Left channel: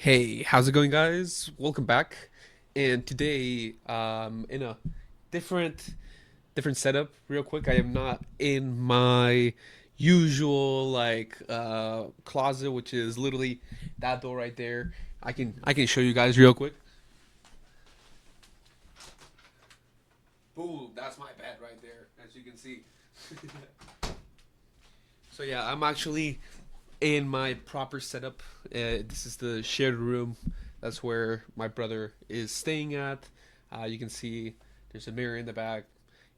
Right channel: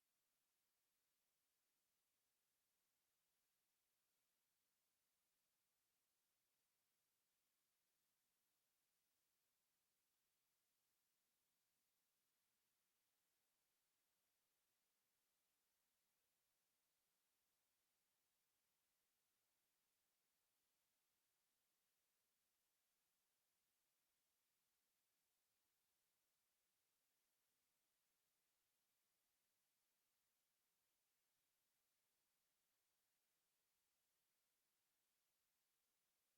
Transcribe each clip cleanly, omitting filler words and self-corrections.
Hey, how's it going, guys? Welcome back. And today, in a different different setup. Real quick, I am not in my usual closet, which is literally that door right there. I can show you guys real quick. Boom, that's my bed right there, as you can see. So yeah, I'm actually in my proper setup. This is the shared room. That's where my brother is staying at. You can see there's a mirror in the back.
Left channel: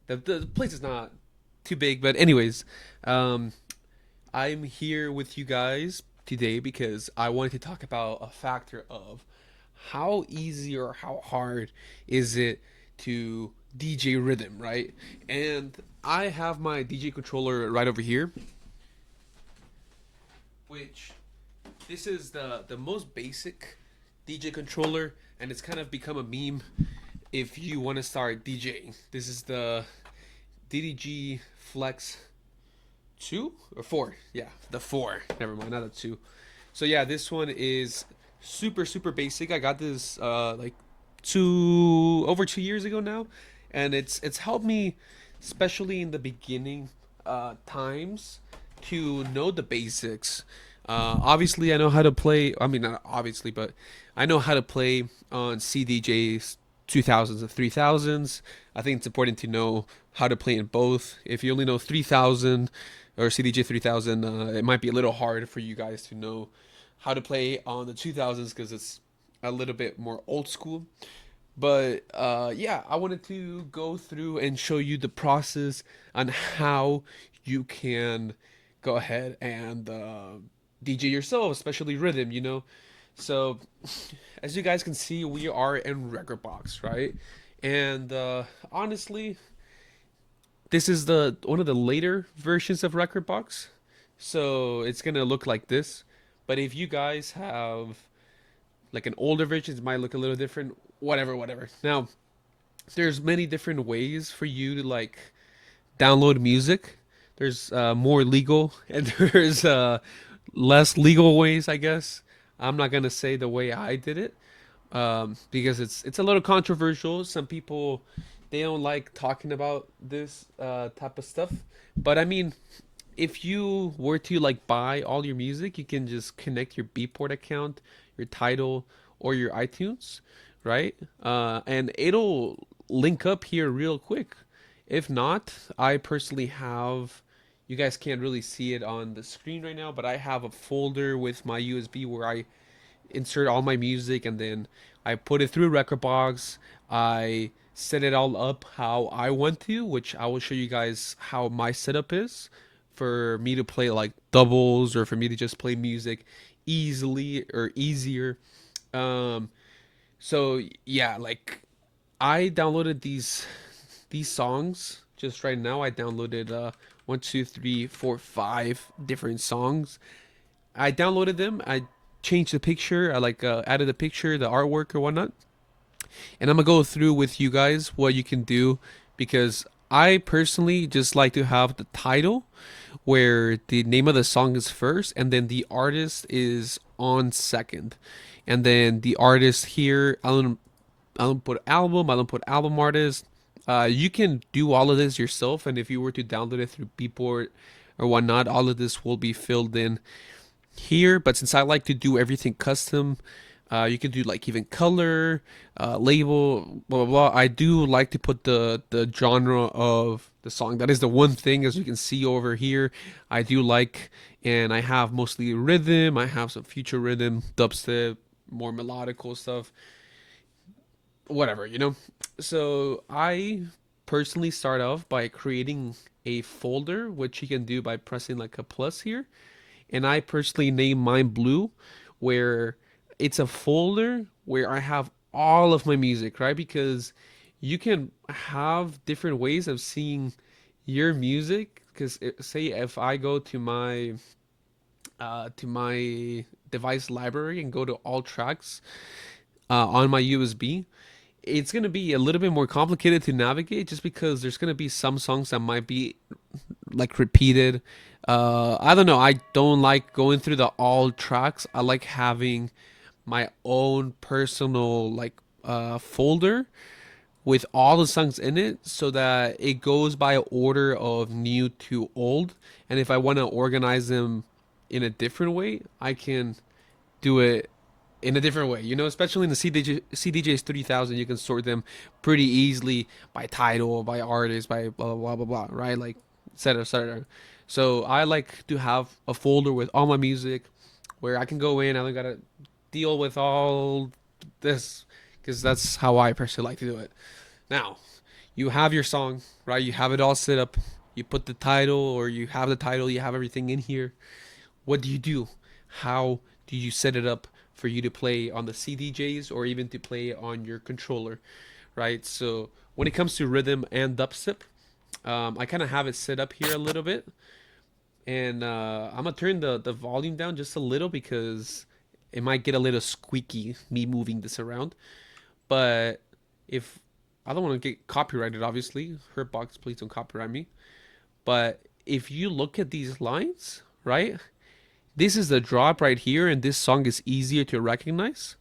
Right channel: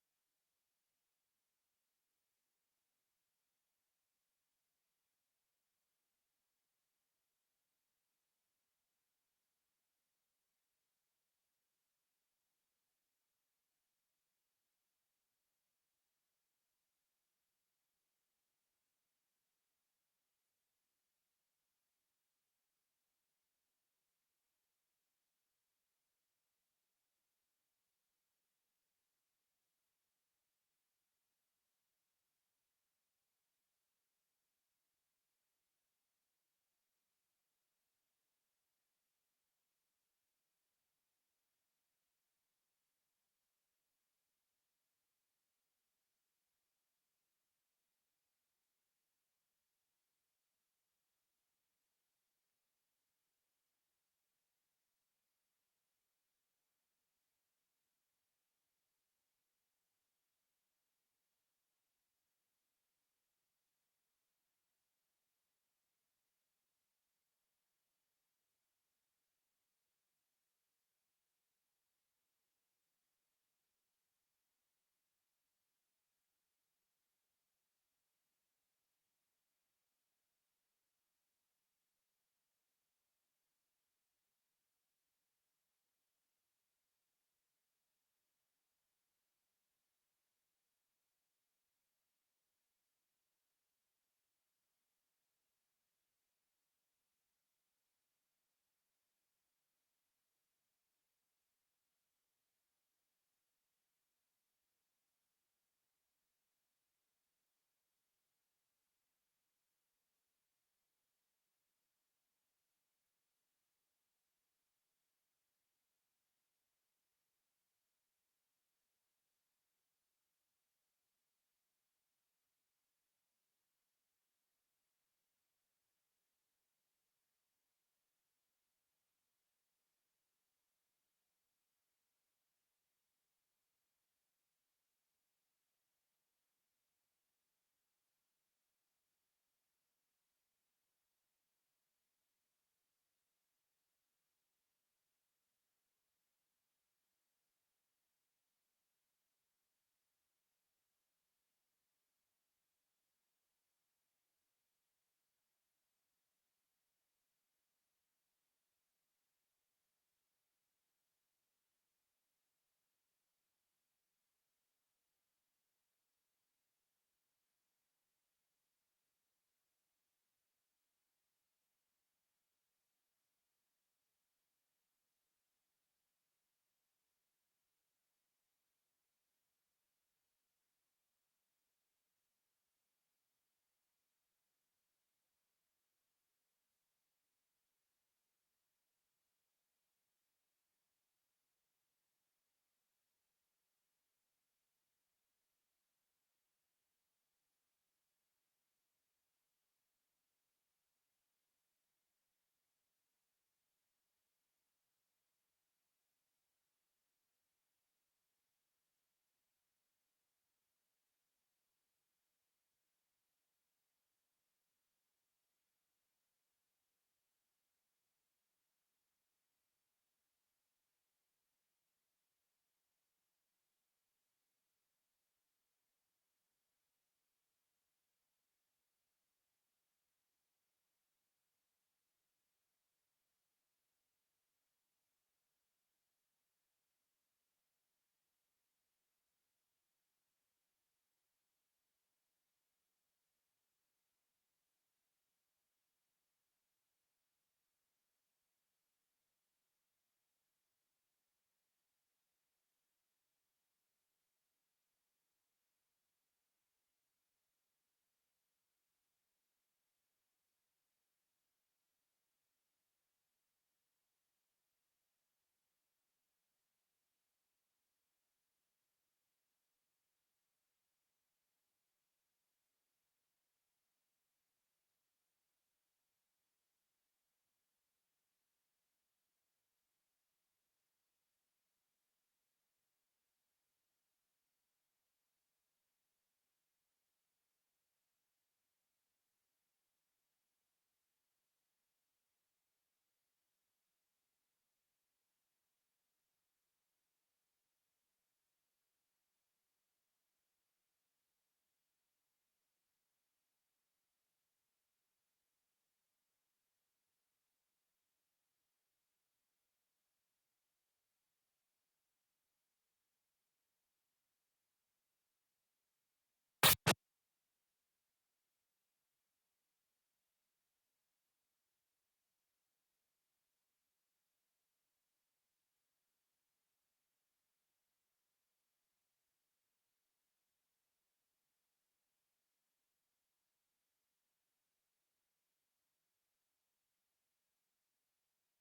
The place is not too big, but anyways, um, I'm here with you guys today because I wanted to talk about a factor of how easy or how hard is it to DJ rhythm, right? And I have my DJ controller right over here, which this is the most basic DJ controller, and it's kind of become a meme if you want to start DJing. This is the DDG Flex 2 or 4. Yeah, the 4. Never mind, not the 2. So yeah, this one is super basic. I got this like 2 years ago now, and it's helped me, especially in the beginning times, to know the basics. Obviously, I know how to play. I mean, not obviously, but I know how to play on CDJs 2000s and 3000s. I think it's important to know how to play in both. If you only know 3000 or CDJ 3000, it might be a little hard for you guys to know how to play on the 2000s because it's a little bit more old school. But yeah, I wanted to go through and show you the process on how you can go ahead and DJ yourself, especially rhythm, you know. So, as you guys can see, we are in Record Box, right? And honestly, this is the one of the later versions of Record Box, so it's gonna look like this. But if you guys have like an older version, it might look a little different. Whatever. Now, there's many different ways for you to like download music. There's more legal and there's less legal ways, I guess. I'm not gonna say the way I did it because it's a little controversial. Some people they don't like talking about this type of stuff. But I mean, if you were to like buy all your music, you can just connect your Beatport account, your Tidal, or your iTunes, right? And it'll link up here real quick. If not, I personally have. You guys can't really see it on the screen right now, but I have a folder with my USB where I insert all my music and then I put it through Rekordbox. I set it all up how I want to, which I will show you guys how my setup is for me to play like doubles or for me to just play music easily or easier. Um, so yeah, like I downloaded these songs just right now. I downloaded one, two, three, four, five different songs. I downloaded them. I changed the picture. I like added the picture, the artwork or whatnot. And I'm gonna go through with you guys what you can do because I personally just like to have the title where the name of the song is first and then the artist is on second. And then the artist here, I don't put album, I don't put album artist. You can do all of this yourself, and if you were to download it through Beatport or whatnot, all of this will be filled in here. But since I like to do everything custom, you can do like even color, label, blah blah blah. I do like to put the genre of the song. That is the one thing, as you can see over here, I do like, and I have mostly rhythm. I have some future rhythm, dubstep, more melodical stuff, whatever, you know. So I personally start off by creating a folder, which you can do by pressing like a plus here, and I personally name mine Blue, where it's a folder where I have all of my music, right? Because you can have different ways of seeing your music. Because say if I go to my device library and go to all tracks on my USB, it's gonna be a little bit more complicated to navigate just because there's gonna be some songs that might be like repeated. I don't know. I don't like going through the all tracks. I like having my own personal like folder with all the songs in it so that it goes by order of new to old. And if I want to organize them in a different way, I can do it in a different way. You know, especially in the CDJs 3000, you can sort them pretty easily by title, by artist, by blah blah blah blah, right? Like, etc. etc. So I like to have a folder with all my music where I can go in. I don't gotta deal with all this because that's how I personally like to do it. Now, you have your song, right? You have it all set up. You put the title, or you have the title, you have everything in here. What do you do? How do you set it up for you to play on the CDJs or even to play on your controller, right? So when it comes to rhythm and dubstep, I kind of have it set up here a little bit, and I'm gonna turn the volume down just a little because it might get a little squeaky me moving this around. But if I don't want to get copyrighted, obviously, Hurtbox, please don't copyright me. But if you look at these lines, right? This is the drop right here, and this song is easier to recognize.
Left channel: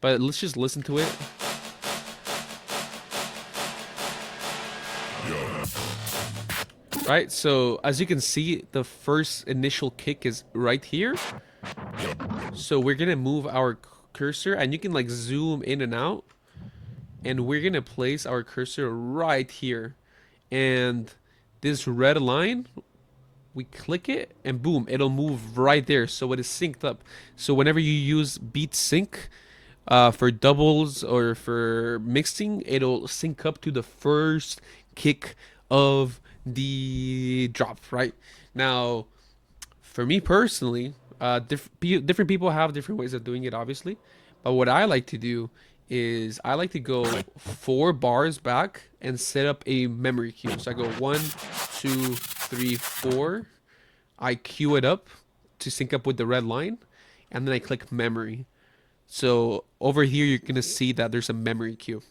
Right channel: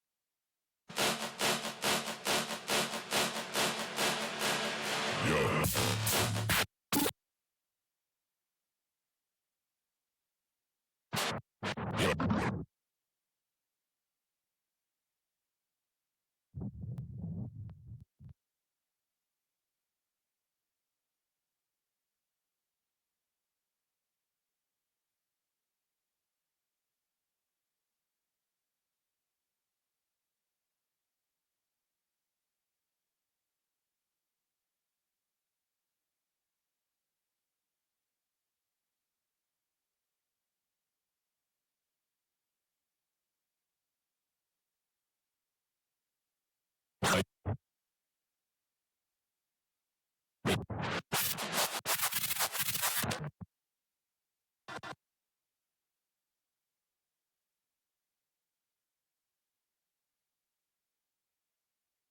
But let's just listen to it. Right, so as you can see, the first initial kick is right here. So we're gonna move our cursor, and you can like zoom in and out, and we're gonna place our cursor right here. And this red line, we click it, and boom, it'll move right there. So it is synced up. So whenever you use beat sync for doubles or for mixing, it'll sync up to the first kick of the drop, right? Now, for me personally, different people have different ways of doing it, obviously. But what I like to do is I like to go 4 bars back and set up a memory cue. So I go 1, 2, 3, 4. I cue it up to sync up with the red line, and then I click memory. So over here, you're gonna see that there's a memory cue.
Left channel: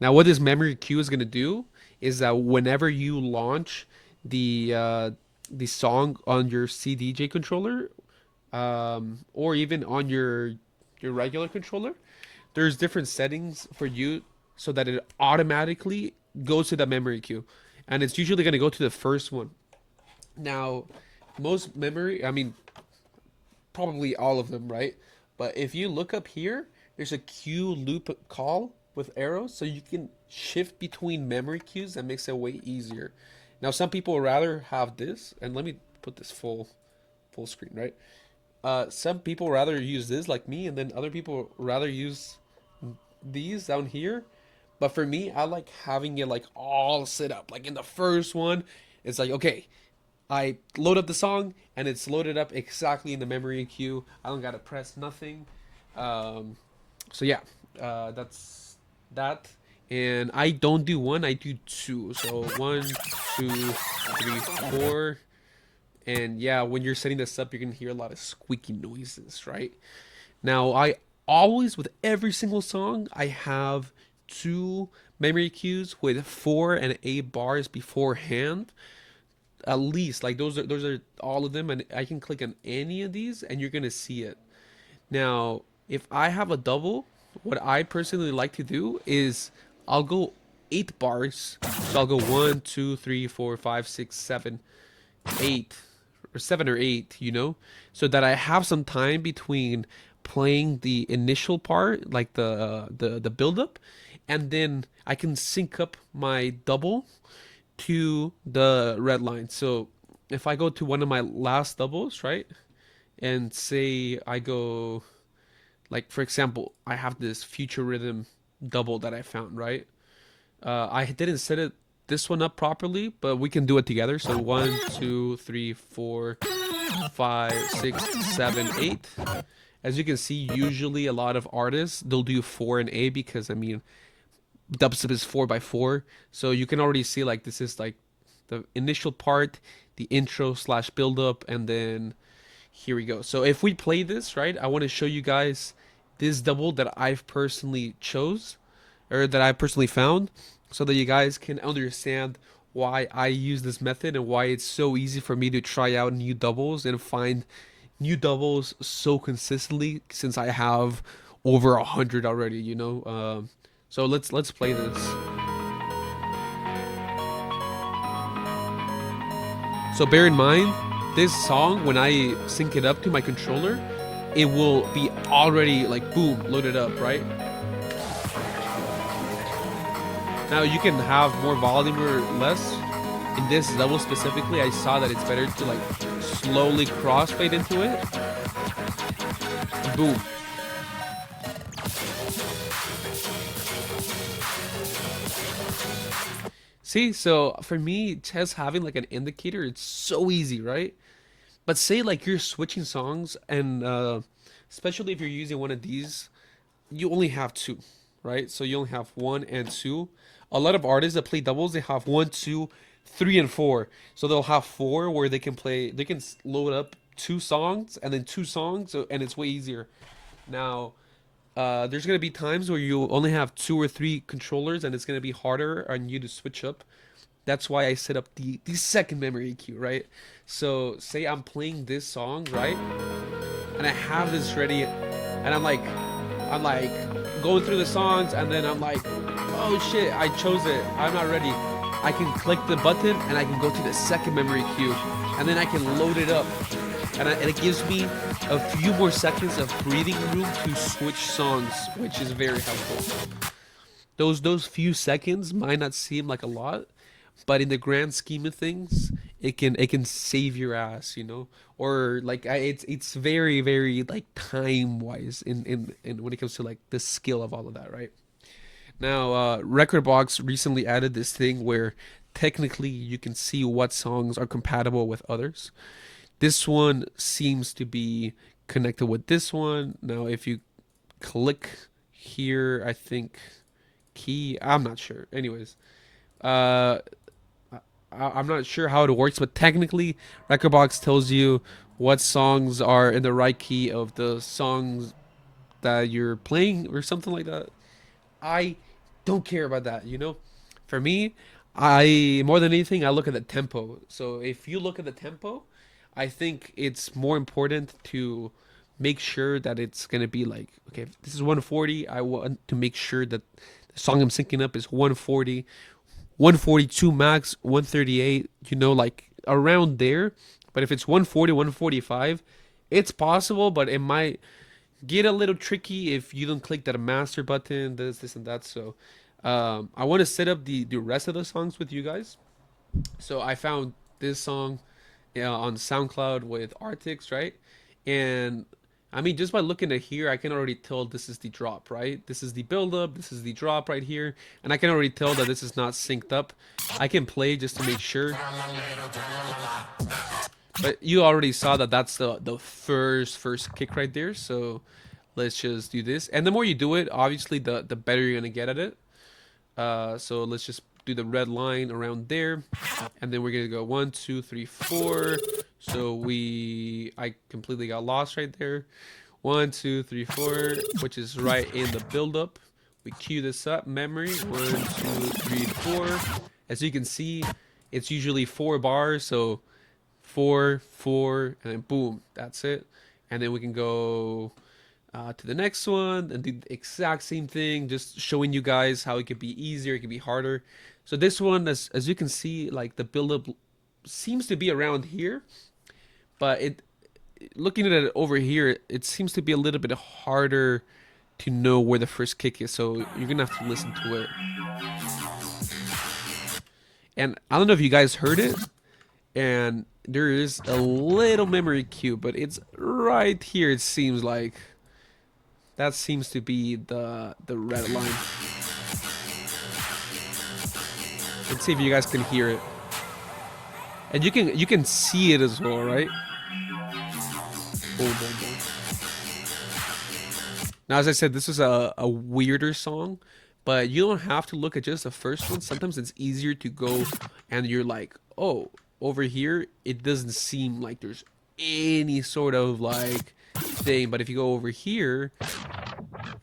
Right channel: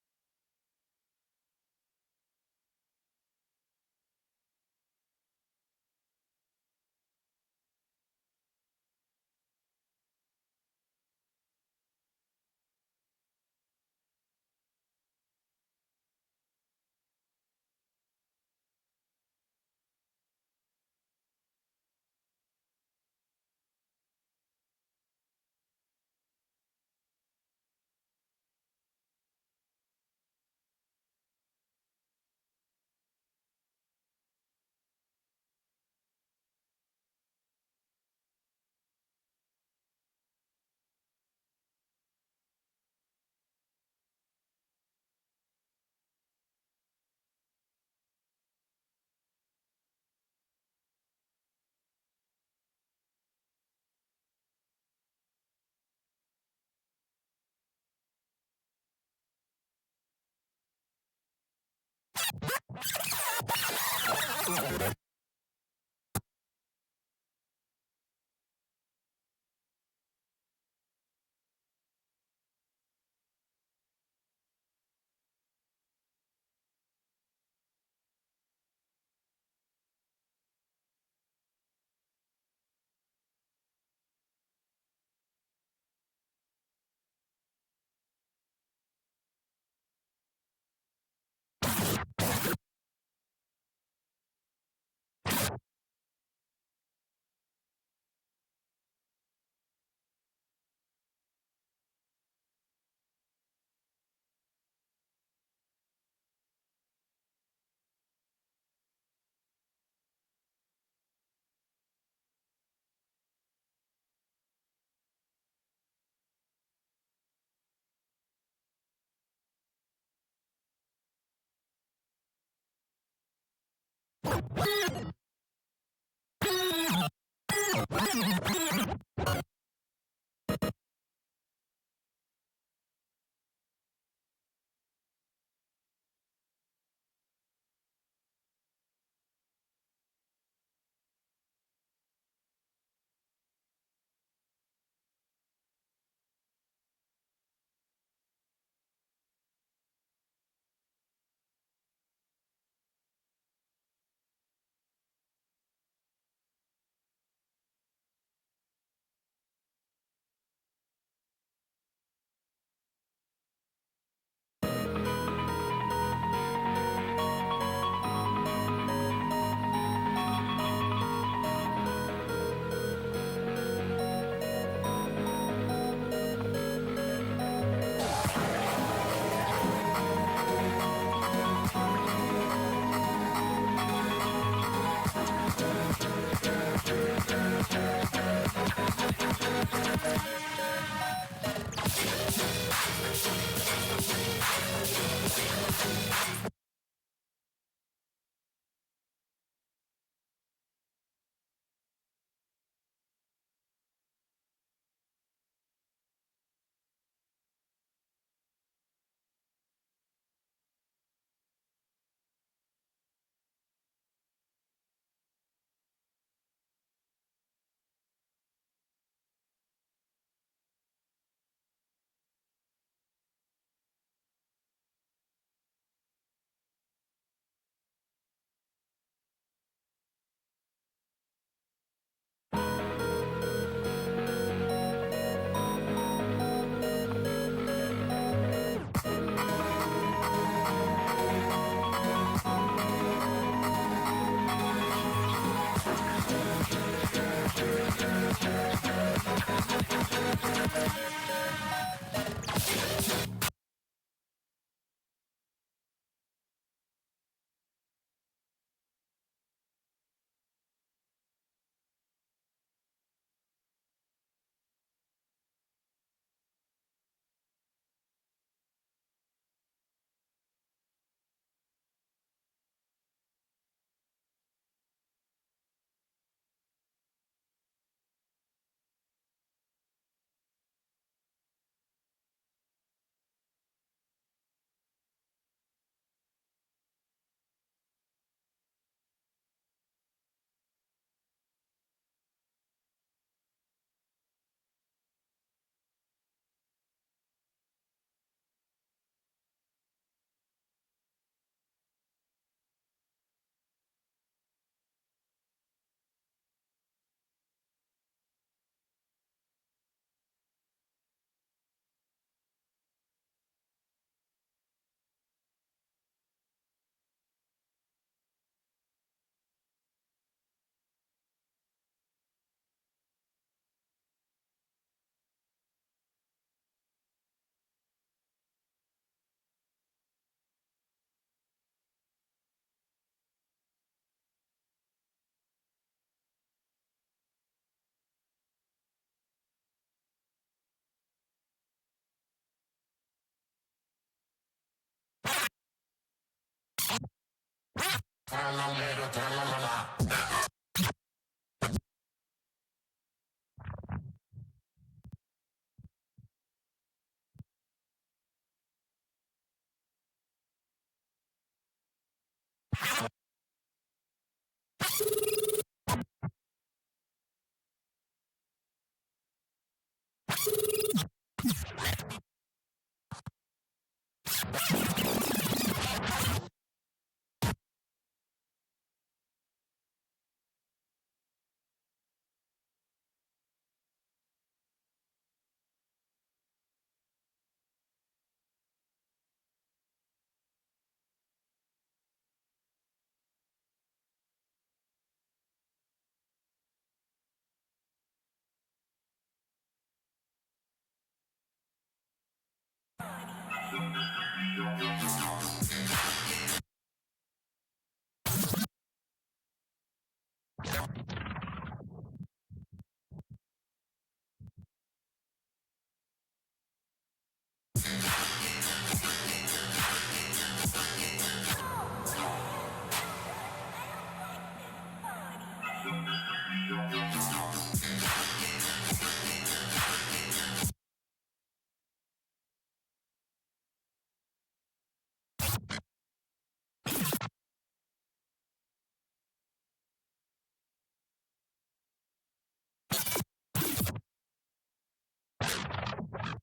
Now, what this memory queue is gonna do is that whenever you launch the song on your CDJ controller, or even on your regular controller, there's different settings for you so that it automatically goes to the memory queue, and it's usually gonna go to the first one. Now, most memory, I mean, probably all of them, right? But if you look up here, there's a queue loop call with arrows, so you can shift between memory queues. That makes it way easier. Now, some people rather have this, and let me put this full screen, right? Some people rather use this like me, and then other people rather use these down here. But for me, I like having it like all set up. Like in the first one, it's like, okay, I load up the song and it's loaded up exactly in the memory queue. I don't gotta press nothing. Um, so yeah, that's that. And I don't do one, I do two. So 1, 2, 3, 4. And yeah, when you're setting this up, you're gonna hear a lot of squeaky noises, right? Now, I always, with every single song, I have two memory cues with 4 and 8 bars beforehand, at least. Like those are all of them, and I can click on any of these and you're gonna see it. Now, if I have a double, what I personally like to do is I'll go 8 bars. So I'll go 1, 2, 3, 4, 5, 6, 7, 8, or 7 or 8, so that I have some time between playing the initial part, like the build up, and then I can sync up my double to the red line. So if I go to one of my last doubles, right, and say I go, like for example, I have this future rhythm double that I found, right? I didn't set it this one up properly, but we can do it together. So 1, 2, 3, 4, 5, 6, 7, 8. As you can see, usually a lot of artists they'll do 4 and 8 because I mean dubstep is 4 by 4, so you can already see like this is like the initial part, the intro slash build up, and then here we go. So if we play this, right, I want to show you guys this double that I've personally chose, or that I personally found, so that you guys can understand why I use this method and why it's so easy for me to try out new doubles and find new doubles so consistently, since I have over 100 already, so let's play this. So bear in mind, this song, when I sync it up to my controller, it will be already like boom, loaded up, right? Now you can have more volume or less. In this level specifically, I saw that it's better to like slowly crossfade into it. Boom. See, so for me, just having like an indicator, it's so easy, right? But say like you're switching songs, and especially if you're using one of these, you only have two, right? So you only have one and two. A lot of artists that play doubles, they have one, two, three, and four. So they'll have four where they can play, they can load up two songs and then two songs, and it's way easier. Now, there's gonna be times where you only have two or three controllers, and it's gonna be harder on you to switch up. That's why I set up the second memory EQ, right? So say I'm playing this song, right? And I have this ready, and I'm like going through the songs, and then I'm like, oh shit, I chose it. I'm not ready. I can click the button and I can go to the second memory queue, and then I can load it up, and it gives me a few more seconds of breathing room to switch songs, which is very helpful. Those few seconds might not seem like a lot, but in the grand scheme of things, it can save your ass, or like it's very very like time wise in when it comes to like the skill of all of that, right? Now, Recordbox recently added this thing where technically you can see what songs are compatible with others. This one seems to be connected with this one. Now, if you click here, I think key, I'm not sure. Anyways, uh, I'm not sure how it works, but technically, Recordbox tells you what songs are in the right key of the songs that you're playing or something like that. I don't care about that. For me, I more than anything, I look at the tempo. So if you look at the tempo, I think it's more important to make sure that it's gonna be like, okay, if this is 140. I want to make sure that the song I'm syncing up is 140, 142 max, 138. Like around there. But if it's 140, 145, it's possible, but it might get a little tricky if you don't click that master button, this, and that. So I want to set up the rest of the songs with you guys. So I found this song on SoundCloud with Artix, right? And I mean, just by looking at here, I can already tell this is the drop, right? This is the build up, this is the drop right here. And I can already tell that this is not synced up. I can play just to make sure. But you already saw that that's the first kick right there. So let's just do this. And the more you do it, obviously, the better you're going to get at it. So let's just do the red line around there. And then we're going to go 1, 2, 3, 4. So I completely got lost right there. 1, 2, 3, 4, which is right in the build-up. We cue this up, memory. 1, 2, 3, 4. As you can see, it's usually 4 bars. So 4, 4, and then boom, that's it. And then we can go to the next one and do the exact same thing, just showing you guys how it could be easier, it could be harder. So this one, as you can see, like the build-up seems to be around here, but looking at it over here, it seems to be a little bit harder to know where the first kick is. So you're gonna have to listen to it. And I don't know if you guys heard it, and there is a little memory cue, but it's right here. It seems like that seems to be the red line. Let's see if you guys can hear it, and you can see it as well, right? Now, as I said, this is a weirder song, but you don't have to look at just the first one. Sometimes it's easier to go and you're like, oh, over here, it doesn't seem like there's any sort of like thing. But if you go over here,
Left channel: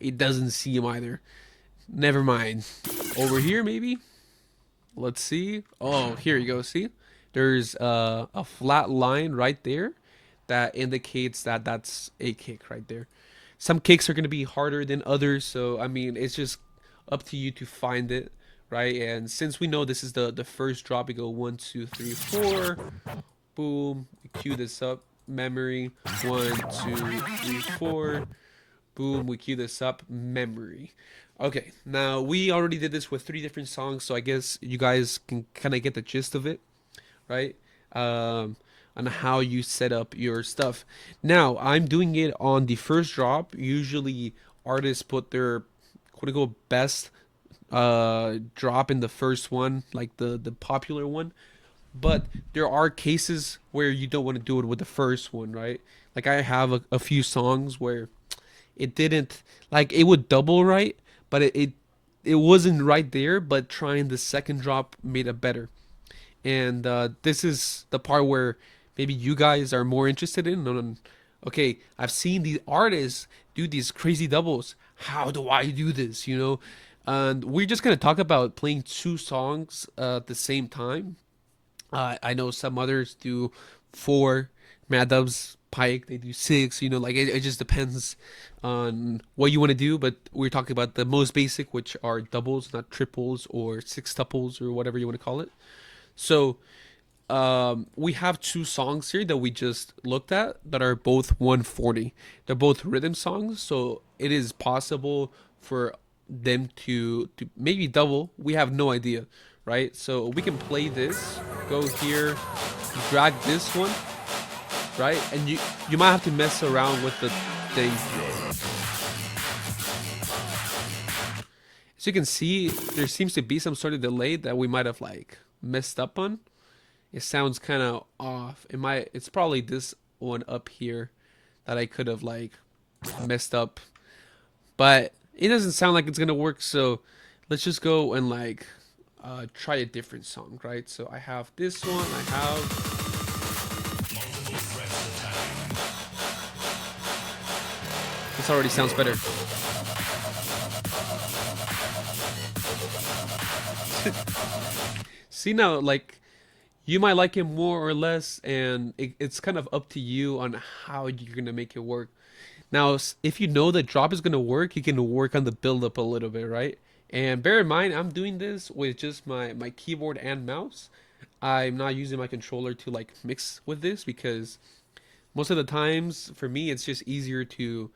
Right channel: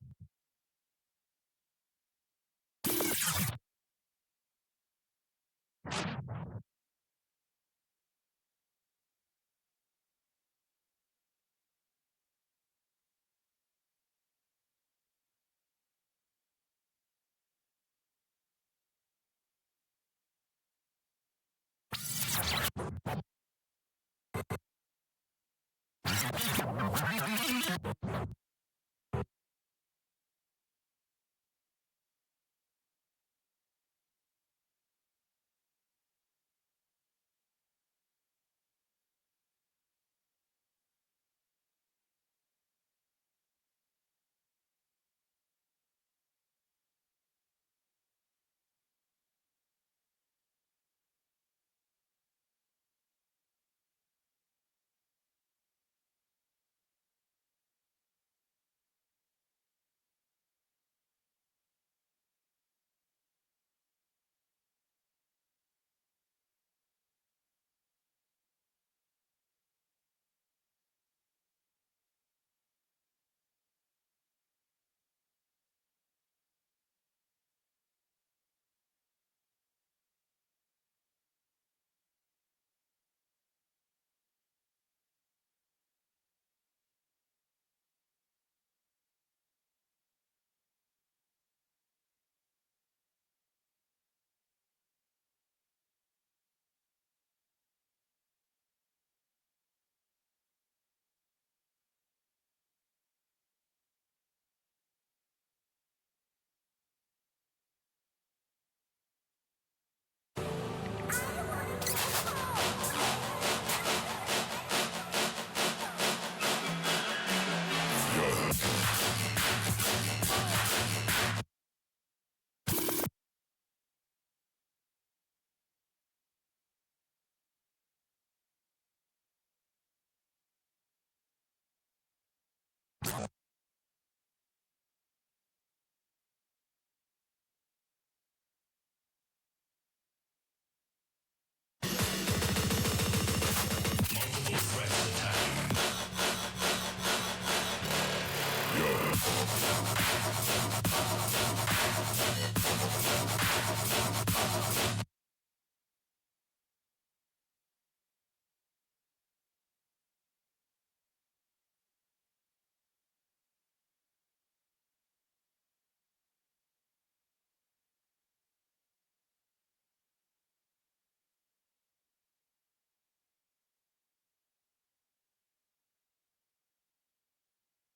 it doesn't seem either. Never mind. Over here, maybe? Let's see. Oh, here you go. See? There's a flat line right there that indicates that that's a kick right there. some kicks are gonna be harder than others. So I mean, it's just up to you to find it, right? And since we know this is the first drop, we go 1, 2, 3, 4. Boom. We cue this up. Memory. 1, 2, 3, 4. Boom. We cue this up. Memory. Okay. Now we already did this with 3 different songs, so I guess you guys can kind of get the gist of it, right? On how you set up your stuff. Now I'm doing it on the first drop. Usually artists put their quote unquote best drop in the first one, like the popular one. But there are cases where you don't want to do it with the first one, right? Like I have a few songs where it didn't, like it would double right, but it wasn't right there. But trying the second drop made it better. And this is the part where maybe you guys are more interested in. Okay, I've seen these artists do these crazy doubles. How do I do this? And we're just gonna talk about playing 2 songs at the same time. I know some others do 4. Mad Dubs, Pike, they do 6. Like it just depends on what you want to do. But we're talking about the most basic, which are doubles, not triples or sextuples or whatever you want to call it. So we have 2 songs here that we just looked at that are both 140. They're both rhythm songs, so it is possible for them to maybe double. We have no idea, right? So we can play this, go here, drag this one, right? And you might have to mess around with the thing. As you can see, there seems to be some sort of delay that we might have like messed up on. It sounds kind of off. It's probably this one up here that I could have like messed up, but it doesn't sound like it's gonna work. So let's just go and like try a different song, right? So I have this one. I have multiple threats attacking. This already sounds better. See now, like you might like it more or less, and it's kind of up to you on how you're gonna make it work. Now, if you know the drop is gonna work, you can work on the build up a little bit, right? And bear in mind, I'm doing this with just my keyboard and mouse. I'm not using my controller to like mix with this because most of the times for me it's just easier to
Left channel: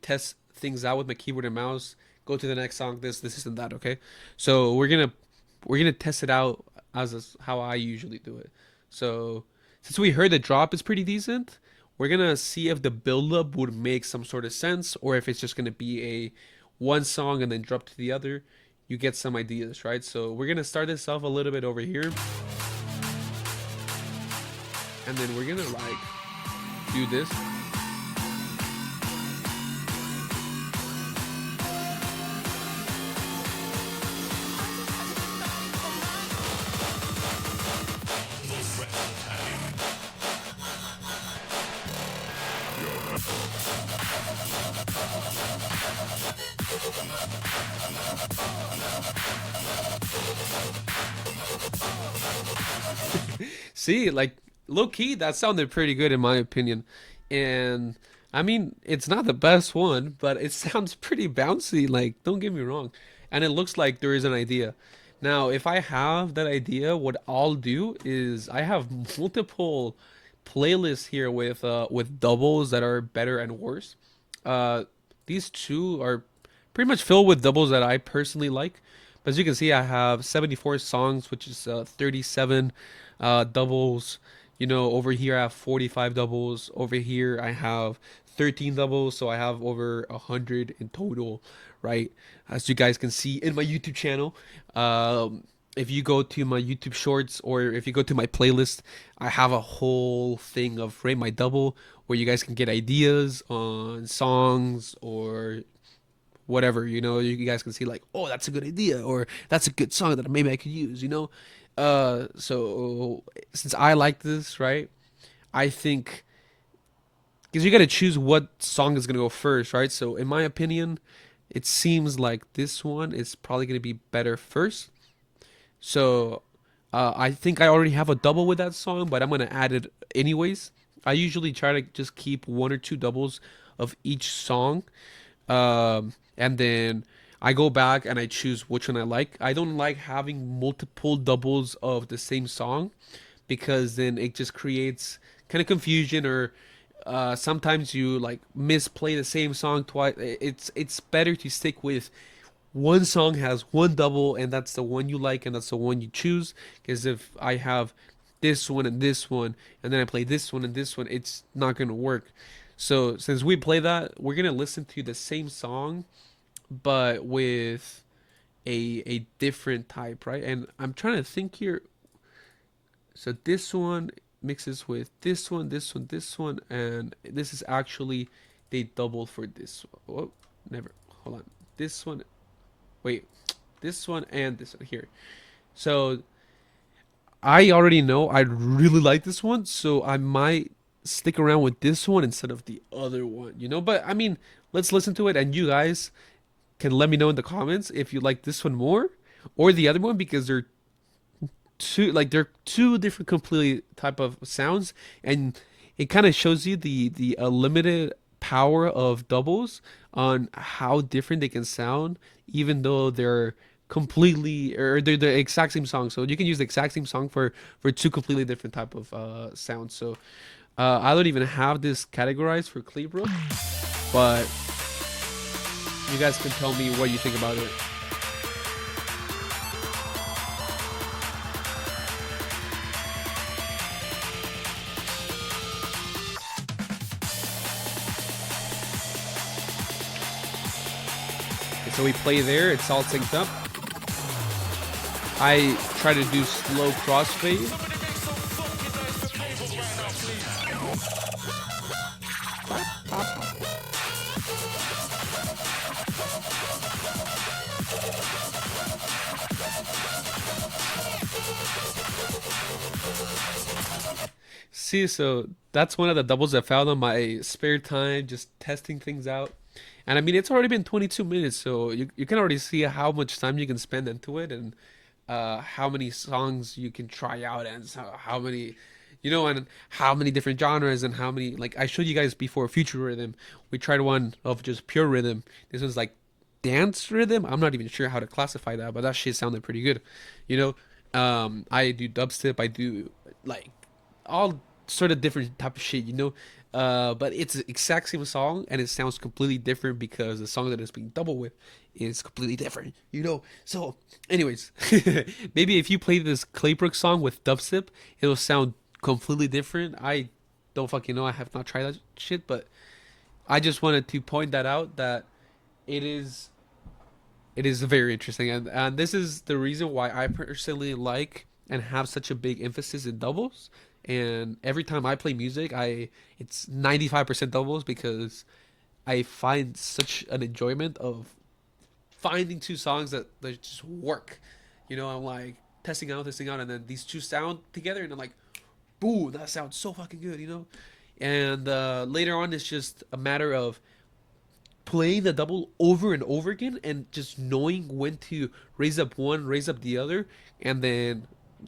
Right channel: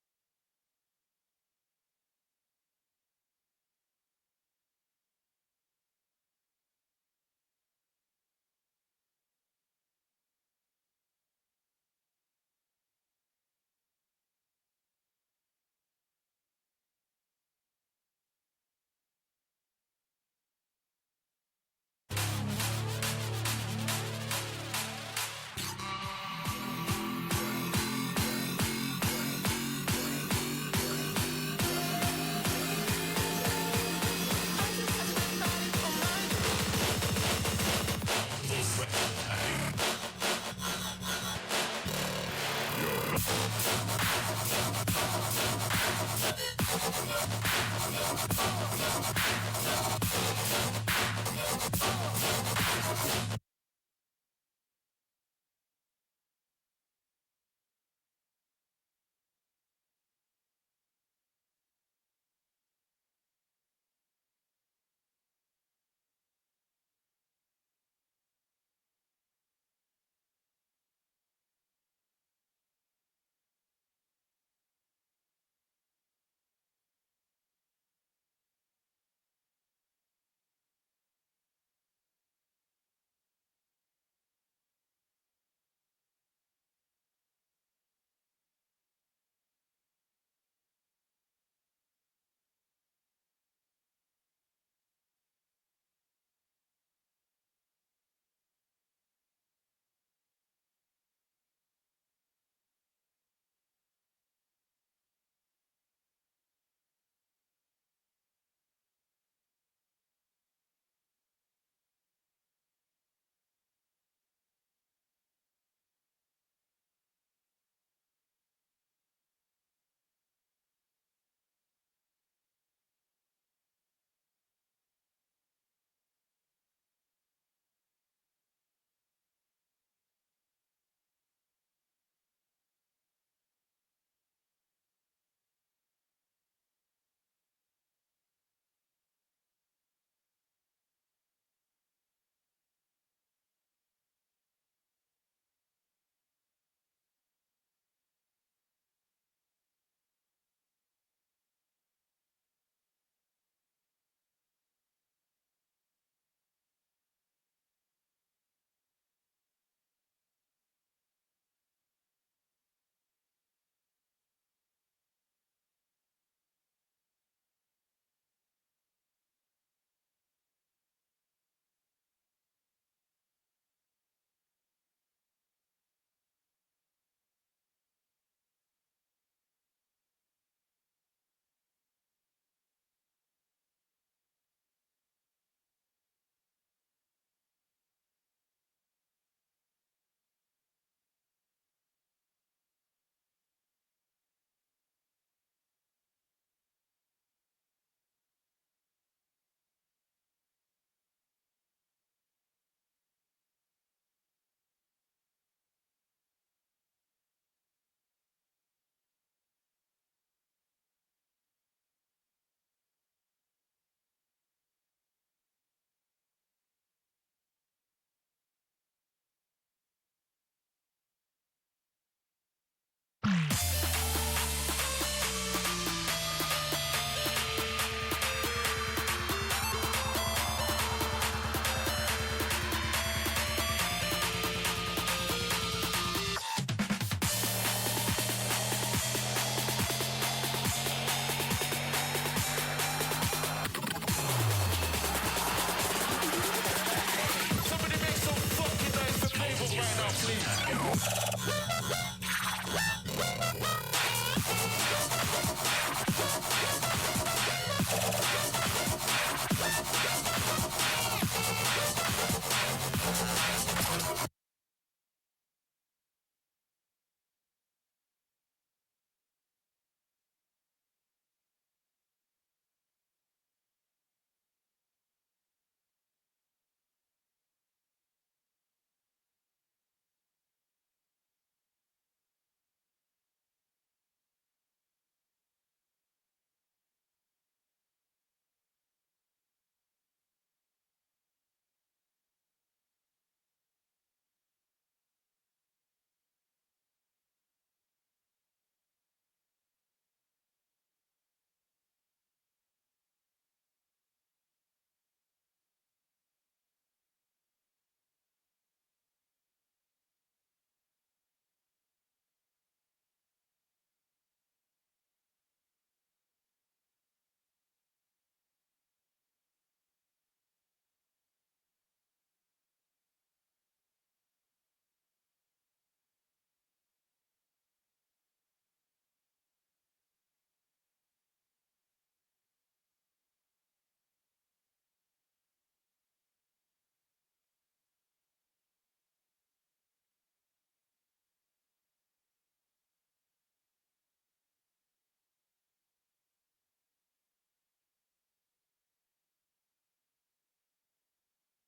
test things out with my keyboard and mouse. Go to the next song. This isn't that okay? So we're gonna test it out as how I usually do it. So since we heard the drop is pretty decent, we're gonna see if the build-up would make some sort of sense or if it's just gonna be a one song and then drop to the other. You get some ideas, right? So we're gonna start this off a little bit over here, and then we're gonna like do this. See, like low key, that sounded pretty good in my opinion. And I mean, it's not the best one, but it sounds pretty bouncy. Like, don't get me wrong. And it looks like there is an idea. Now, if I have that idea, what I'll do is I have multiple playlists here with doubles that are better and worse. Uh, these 2 are pretty much filled with doubles that I personally like. But as you can see, I have 74 songs, which is 37 doubles. Over here I have 45 doubles. Over here I have 13 doubles, so I have over 100 in total, right? As you guys can see in my YouTube channel. If you go to my YouTube shorts or if you go to my playlist, I have a whole thing of Rate My Double where you guys can get ideas on songs or whatever. You guys can see like, oh, that's a good idea, or that's a good song that maybe I could use. So since I like this, right, I think because you got to choose what song is going to go first, right? So in my opinion, it seems like this one is probably going to be better first. So I think I already have a double with that song, but I'm going to add it anyways. I usually try to just keep 1 or 2 doubles of each song And then I go back and I choose which one I like. I don't like having multiple doubles of the same song because then it just creates kind of confusion, or sometimes you like misplay the same song twice. It's better to stick with one song has one double, and that's the one you like and that's the one you choose. Because if I have this one and then I play this one and this one, it's not gonna work. So since we play that, we're gonna listen to the same song but with a different type, right? And I'm trying to think here. So this one mixes with this one, this one, this one, and this is actually they doubled for this one. Oh, never. Hold on. This one. Wait. This one and this one here. So I already know I really like this one, so I might stick around with this one instead of the other one. But I mean, let's listen to it, and you guys can let me know in the comments if you like this one more or the other one, because they're two different completely type of sounds, and it kind of shows you the limited power of doubles on how different they can sound, even though they're completely, or they're the exact same song. So you can use the exact same song for two completely different type of sounds. So I don't even have this categorized for Clearbrook, but you guys can tell me what you think about it. So we play there, it's all synced up. I try to do slow crossfade. See, so that's one of the doubles I found on my spare time, just testing things out. And I mean, it's already been 22 minutes, so you can already see how much time you can spend into it, and how many songs you can try out, and so how many, and how many different genres, and how many, like I showed you guys before, future rhythm. We tried one of just pure rhythm. This was like dance rhythm. I'm not even sure how to classify that, but that shit sounded pretty good. You I do dubstep. I do like all sort of different type of shit, but it's the exact same song, and it sounds completely different because the song that it's being double with is completely different, So, anyways, maybe if you play this Claybrook song with dubstep, it'll sound completely different. I don't fucking know. I have not tried that shit, but I just wanted to point that out, that it is it is very interesting, and this is the reason why I personally like and have such a big emphasis in doubles. And every time I play music, I it's 95% doubles, because I find such an enjoyment of finding two songs that just work. I'm like testing out, and then these two sound together, and I'm like, "Boo, that sounds so fucking good." And later on, it's just a matter of playing the double over and over again, and just knowing when to raise up one, raise up the other, and then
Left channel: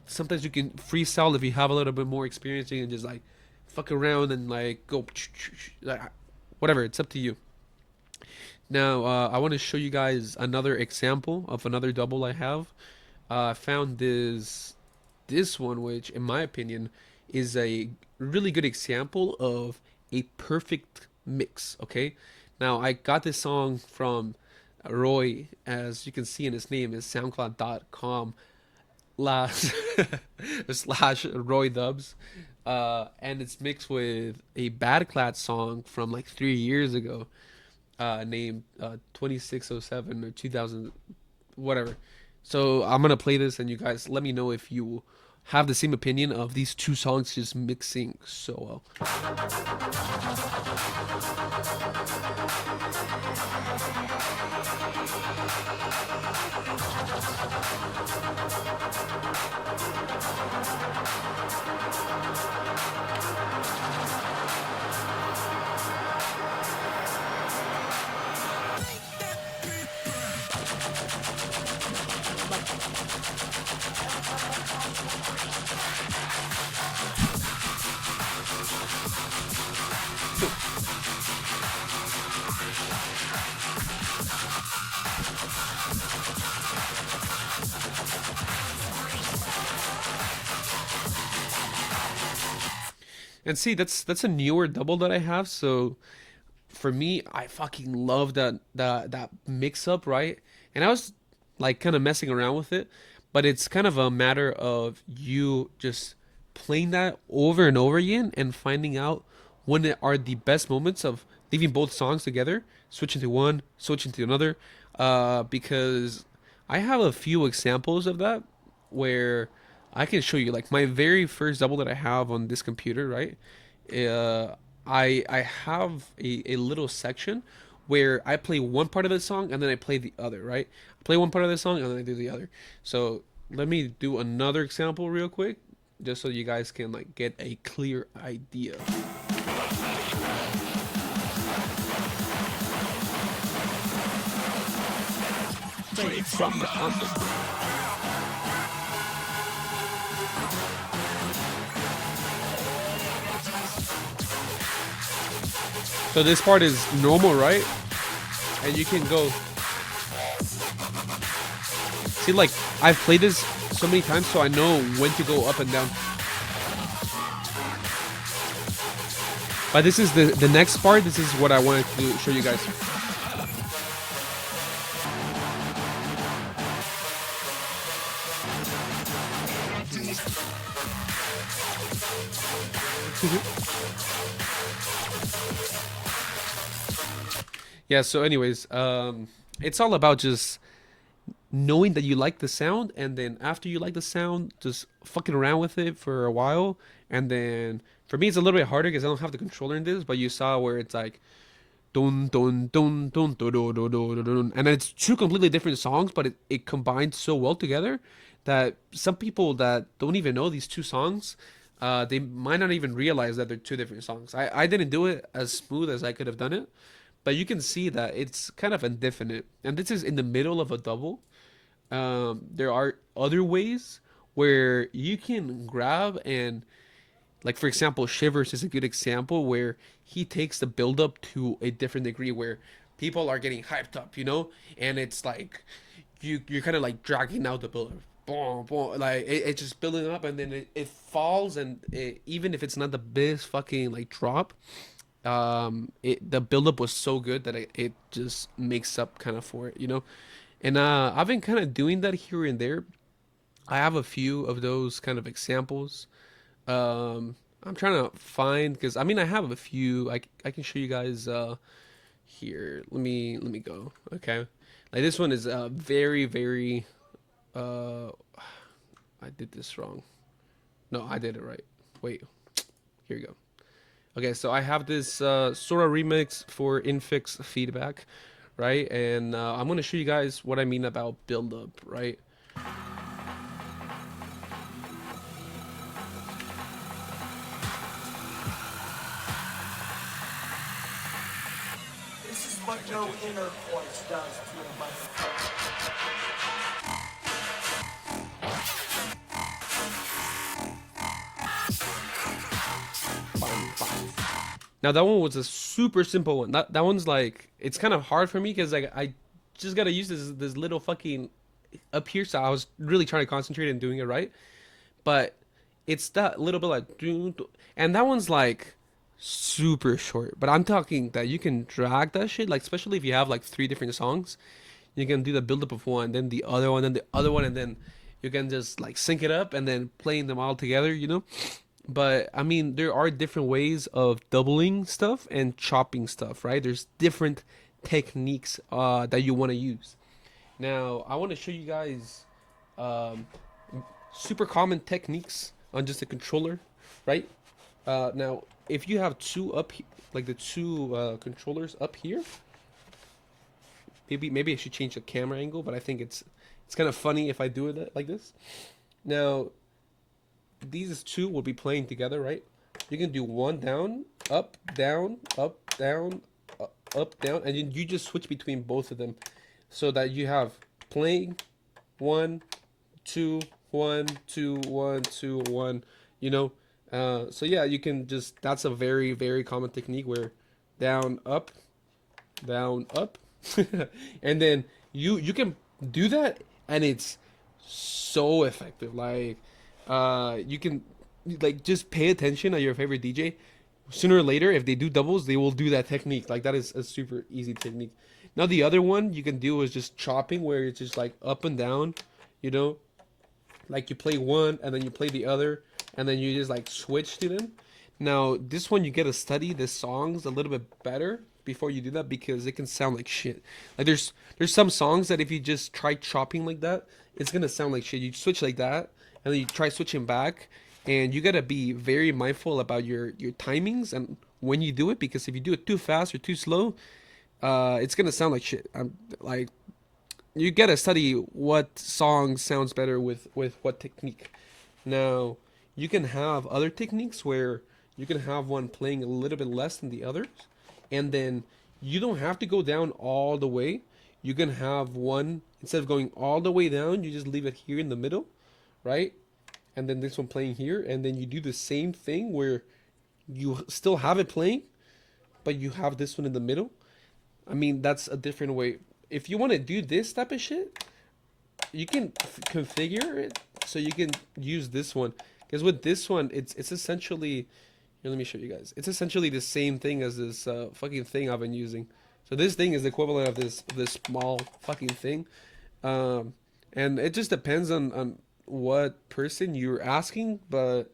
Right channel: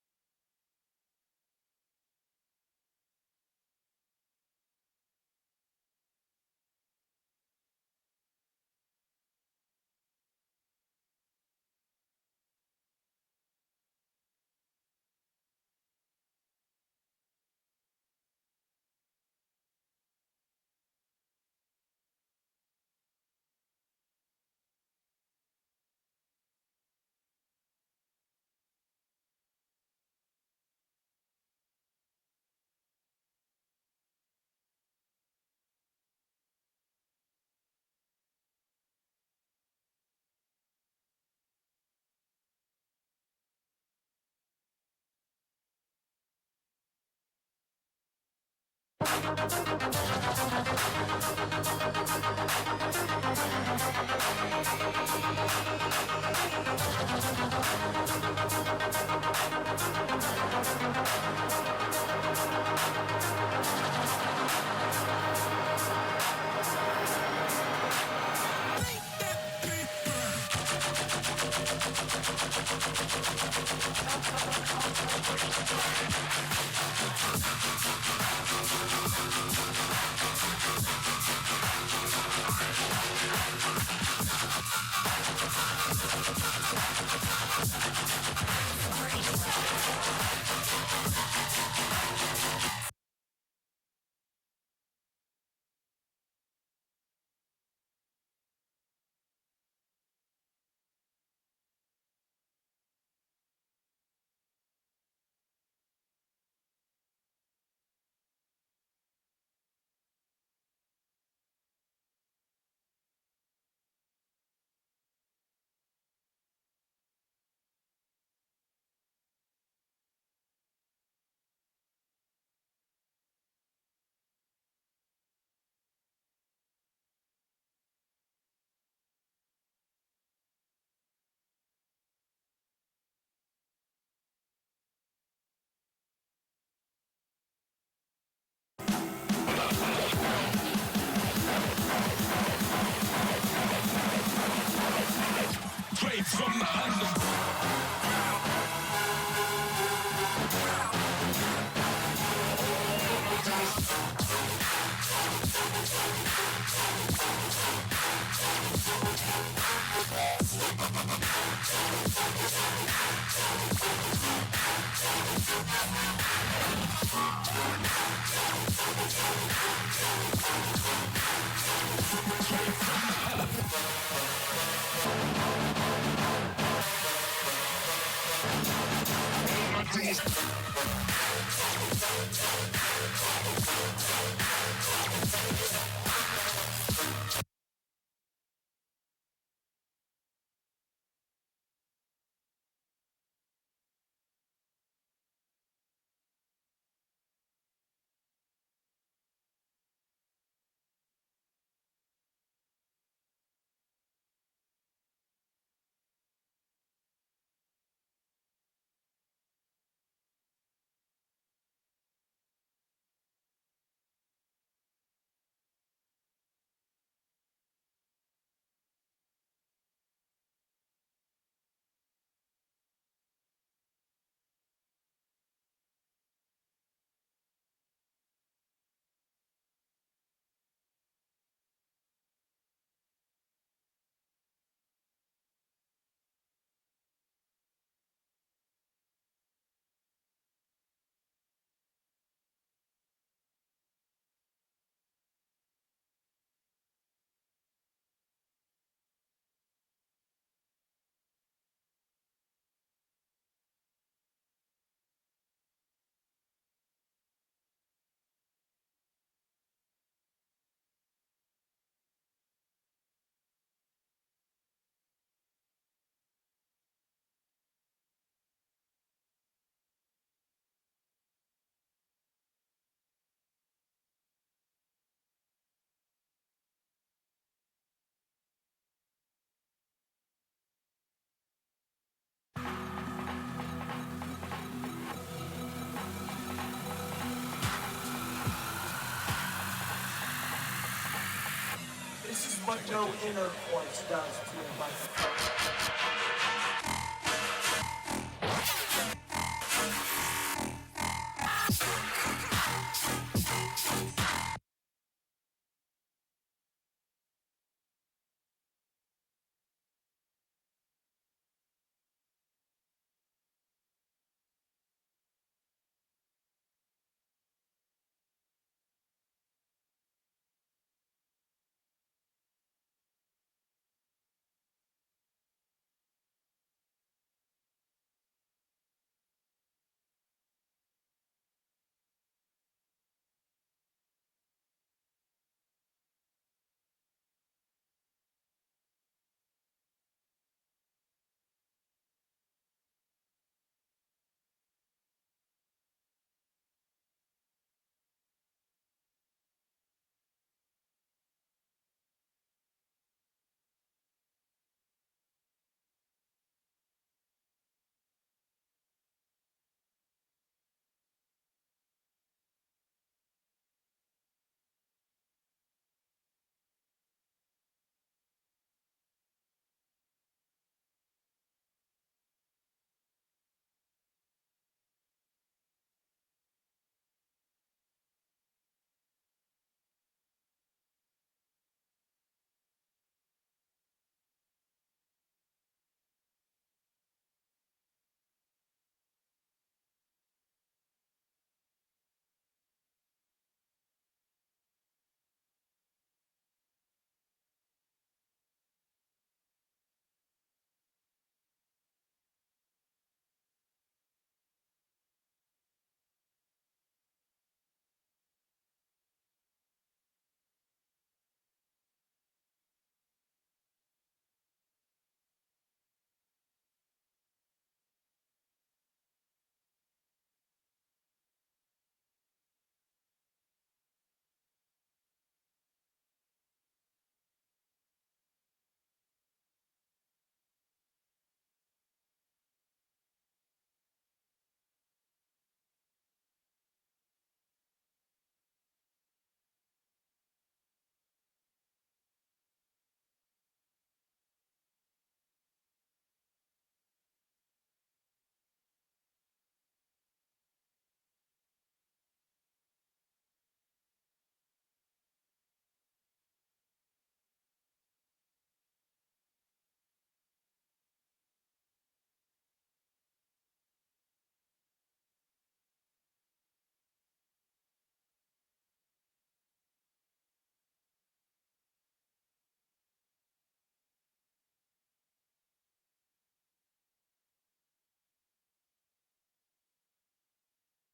sometimes you can freestyle if you have a little bit more experience. You can just like fuck around and like go like, whatever. It's up to you. Now I want to show you guys another example of another double I have. I found this one, which in my opinion is a really good example of a perfect mix. Okay, now I got this song from Roy, as you can see in his name is soundcloud.com slash Roy Dubs. And it's mixed with a Bad Clad song from like 3 years ago, named 2607 or 2000, whatever. So I'm gonna play this, and you guys let me know if you have the same opinion of these two songs just mixing so well. And see, that's a newer double that I have. So for me, I fucking love that mix up, right? And I was like kind of messing around with it, but it's kind of a matter of you just playing that over and over again and finding out when it are the best moments of leaving both songs together, switching to one, switching to another, because I have a few examples of that where I can show you like my very first double that I have on this computer, right? uh, I have a little section where I play one part of the song and then I play the other, right? I play one part of the song and then I do the other. So let me do another example real quick, just so you guys can like get a clear idea. So this part is normal, right? And you can go see like I've played this so many times, so I know when to go up and down. But this is the next part. This is what I wanted to show you guys. Yeah, so anyways, it's all about just knowing that you like the sound, and then after you like the sound, just fucking around with it for a while. And then for me it's a little bit harder because I don't have the controller in this, but you saw where it's like dun dun dun dun dun dun dun dun, dun, dun. And it's two completely different songs, but it combines so well together that some people that don't even know these two songs, they might not even realize that they're two different songs. I didn't do it as smooth as I could have done it, but you can see that it's kind of indefinite. And this is in the middle of a double. There are other ways where you can grab and, like for example, Shivers is a good example where he takes the build up to a different degree where people are getting hyped up, and it's like you're kind of like dragging out the build up. Boom, boom, like it's just building up, and then it falls, and even if it's not the biggest fucking like drop, the buildup was so good that it just makes up kind of for it. And I've been kind of doing that here and there. I have a few of those kind of examples. I'm trying to find, because I mean I have a few. I can show you guys here. Let me go. Okay, like this one is very very. I did this wrong. No, I did it right. Wait, here you go. Okay, so I have this sort of remix for infix feedback, right? And I'm gonna show you guys what I mean about build up, right? This is what no inner voice does to a microphone. Now that one was a super simple one. That one's like, it's kind of hard for me because like I just gotta use this little fucking up here. So I was really trying to concentrate and doing it right. But it's that little bit like, and that one's like super short. But I'm talking that you can drag that shit, like especially if you have like three different songs, you can do the build up of one, then the other one, then the other one, and then you can just like sync it up and then playing them all together. But I mean, there are different ways of doubling stuff and chopping stuff, right? There's different techniques that you want to use. Now, I want to show you guys um, super common techniques on just a controller, right? Now, if you have two up, like the two controllers up here, maybe I should change the camera angle, but I think it's kind of funny if I do it like this. Now, these two will be playing together, right? You can do one down, up, down, up, down, up, down, and you just switch between both of them, so that you have playing one, two, one, two, one, two, one. So yeah, you can just, that's a very very common technique where down, up, and then you can do that, and it's so effective. Like you can like just pay attention at your favorite DJ. Sooner or later, if they do doubles, they will do that technique. Like that is a super easy technique. Now the other one you can do is just chopping, where it's just like up and down, you know, like you play one and then you play the other, and then you just like switch to them. Now this one you get to study the songs a little bit better before you do that, because it can sound like shit. Like there's some songs that if you just try chopping like that, it's gonna sound like shit. You switch like that, and then you try switching back, and you gotta be very mindful about your timings and when you do it, because if you do it too fast or too slow, it's gonna sound like shit. Like you gotta study what song sounds better with what technique. Now you can have other techniques where you can have one playing a little bit less than the others, and then you don't have to go down all the way. You can have one, instead of going all the way down, you just leave it here in the middle, right? And then this one playing here, and then you do the same thing where you still have it playing, but you have this one in the middle. I mean, that's a different way. If you want to do this type of shit, you can configure it so you can use this one. Because with this one, it's essentially, here, let me show you guys. It's essentially the same thing as this fucking thing I've been using. So this thing is the equivalent of this small fucking thing, um, and it just depends on what person you're asking. But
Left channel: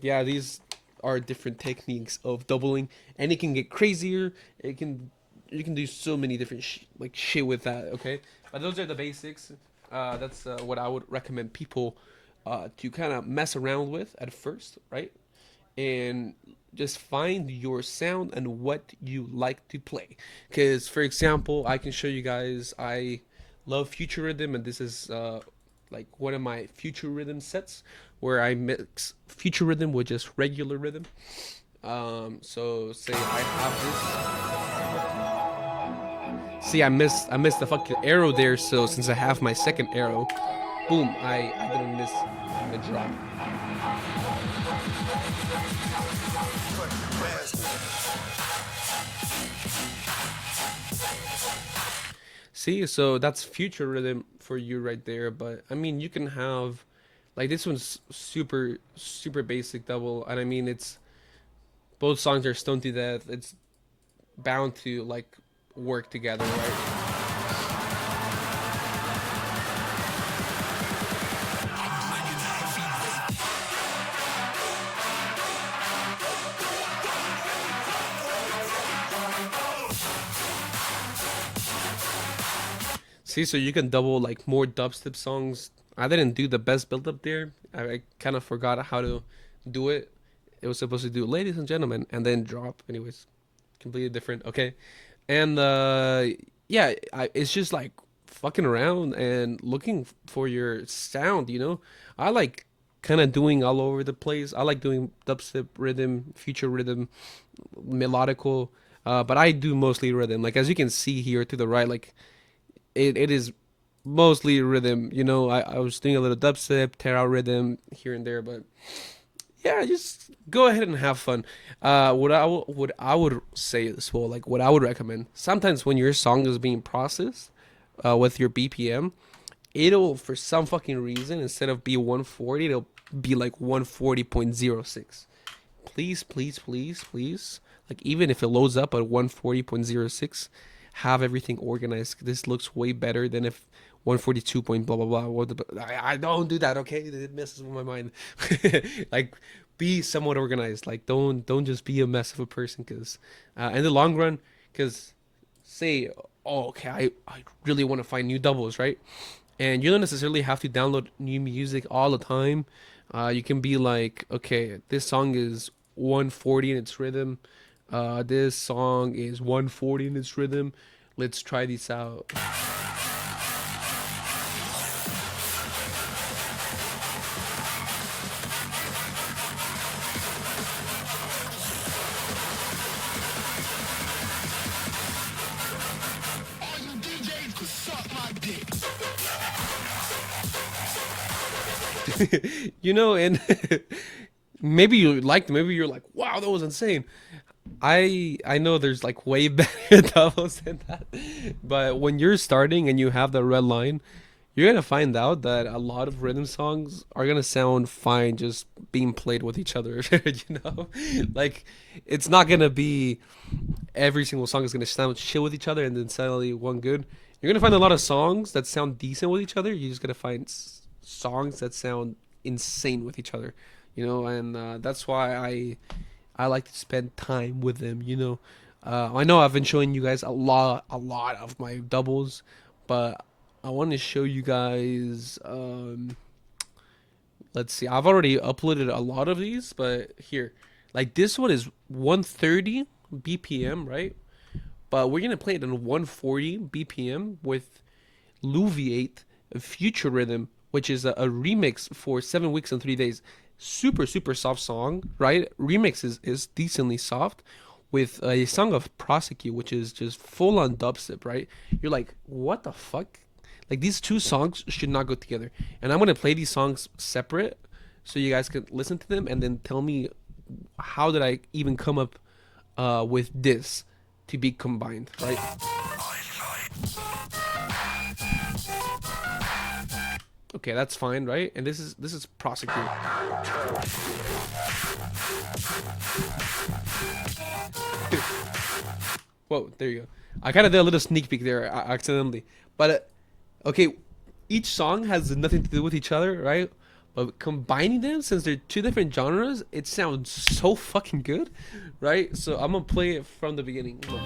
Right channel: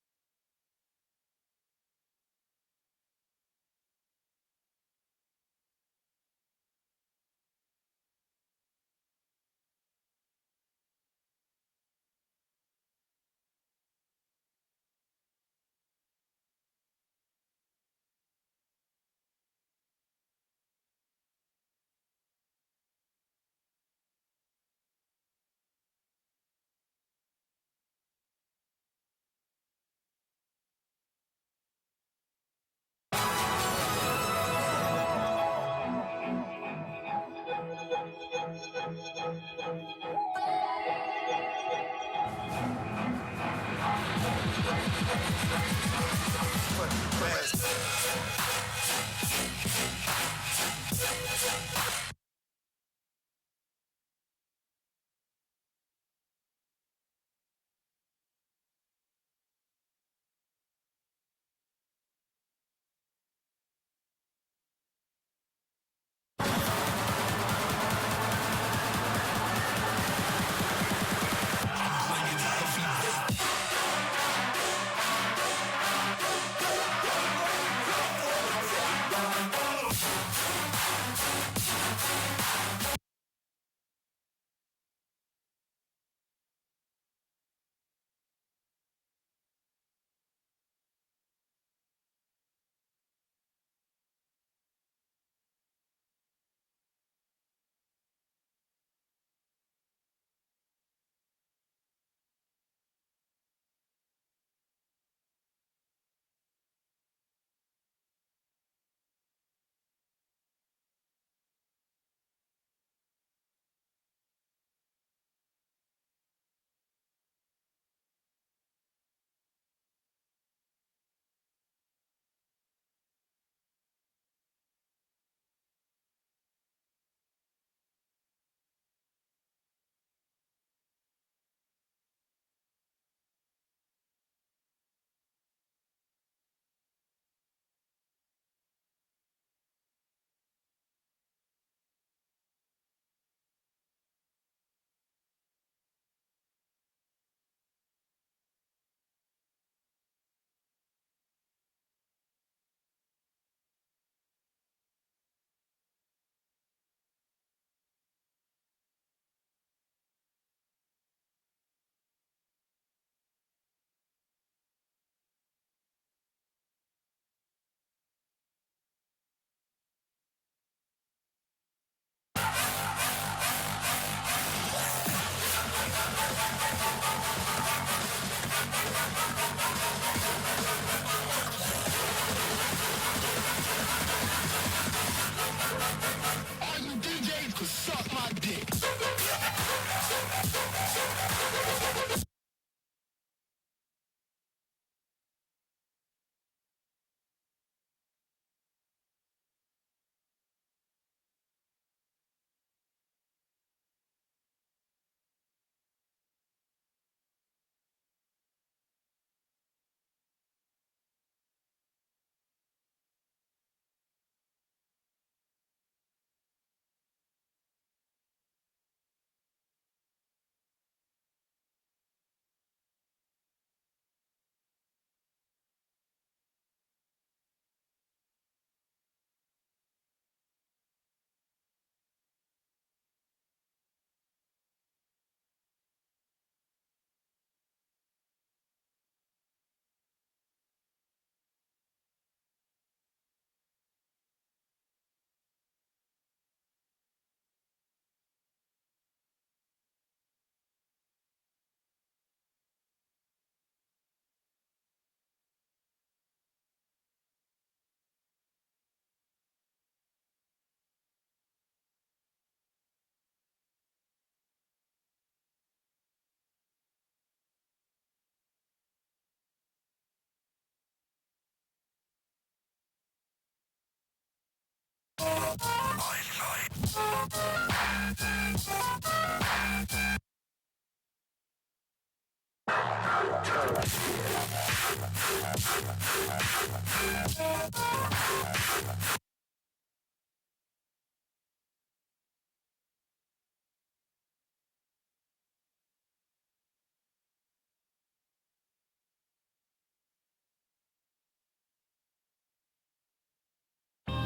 yeah, these are different techniques of doubling, and it can get crazier. It can You can do so many different like shit with that. Okay, but those are the basics. That's what I would recommend people to kind of mess around with at first, right? And just find your sound and what you like to play. Because, for example, I can show you guys, I love future rhythm, and this is like one of my future rhythm sets where I mix future rhythm with just regular rhythm. So say I have this. See, I missed the fucking arrow there. So since I have my second arrow, boom, I didn't miss the drop. See, so that's future rhythm for you right there. But I mean, you can have like this one's super basic double, and I mean it's both songs are stoned to death. It's bound to like work together, right? See, so you can double like more dubstep songs. I didn't do the best build up there. I kind of forgot how to do it. It was supposed to do ladies and gentlemen and then drop. Anyways, completely different. Okay. And yeah, it's just like fucking around and looking for your sound, you know? I like kind of doing all over the place. I like doing dubstep rhythm, future rhythm, melodical, but I do mostly rhythm. Like as you can see here to the right, like it is mostly rhythm. You know, I was doing a little dubstep, tear out rhythm here and there, but yeah, just go ahead and have fun. What I would say as well, like what I would recommend. Sometimes when your song is being processed, with your BPM, it'll for some fucking reason instead of be 140, it'll be like 140.06. Please, like even if it loads up at 140.06, have everything organized. This looks way better than if 142 point blah blah blah. I don't do that, okay? It messes with my mind. Like be somewhat organized. Like don't just be a mess of a person, because in the long run, because say, oh, okay, I really want to find new doubles, right? And you don't necessarily have to download new music all the time. You can be like, okay, this song is 140 in its rhythm. This song is 140 in its rhythm. Let's try these out. All you DJs could suck my dick. You know, and maybe you liked, maybe you're like, wow, that was insane. I know there's like way better doubles than that, but when you're starting and you have the red line, you're gonna find out that a lot of rhythm songs are gonna sound fine just being played with each other. You know, like it's not gonna be every single song is gonna sound chill with each other and then suddenly one good. You're gonna find a lot of songs that sound decent with each other. You're just gonna find songs that sound insane with each other. You know, and that's why I like to spend time with them. You know, I know I've been showing you guys a lot of my doubles, but I want to show you guys. Let's see, I've already uploaded a lot of these, but here, like this one is 130 BPM, right? But we're gonna play it in 140 BPM with Luviate Future Rhythm, which is a remix for 7 weeks and 3 days. Super super soft song, right? Remix is decently soft with a song of Prosecute, which is just full on dubstep, right? You're like, what the fuck? Like these two songs should not go together. And I'm gonna play these songs separate so you guys can listen to them and then tell me how did I even come up with this to be combined, right? Okay, that's fine, right? And this is Prosecute. Whoa, there you go. I kind of did a little sneak peek there accidentally, but okay, each song has nothing to do with each other, right? But combining them, since they're two different genres, it sounds so fucking good, right? So I'm gonna play it from the beginning. Look.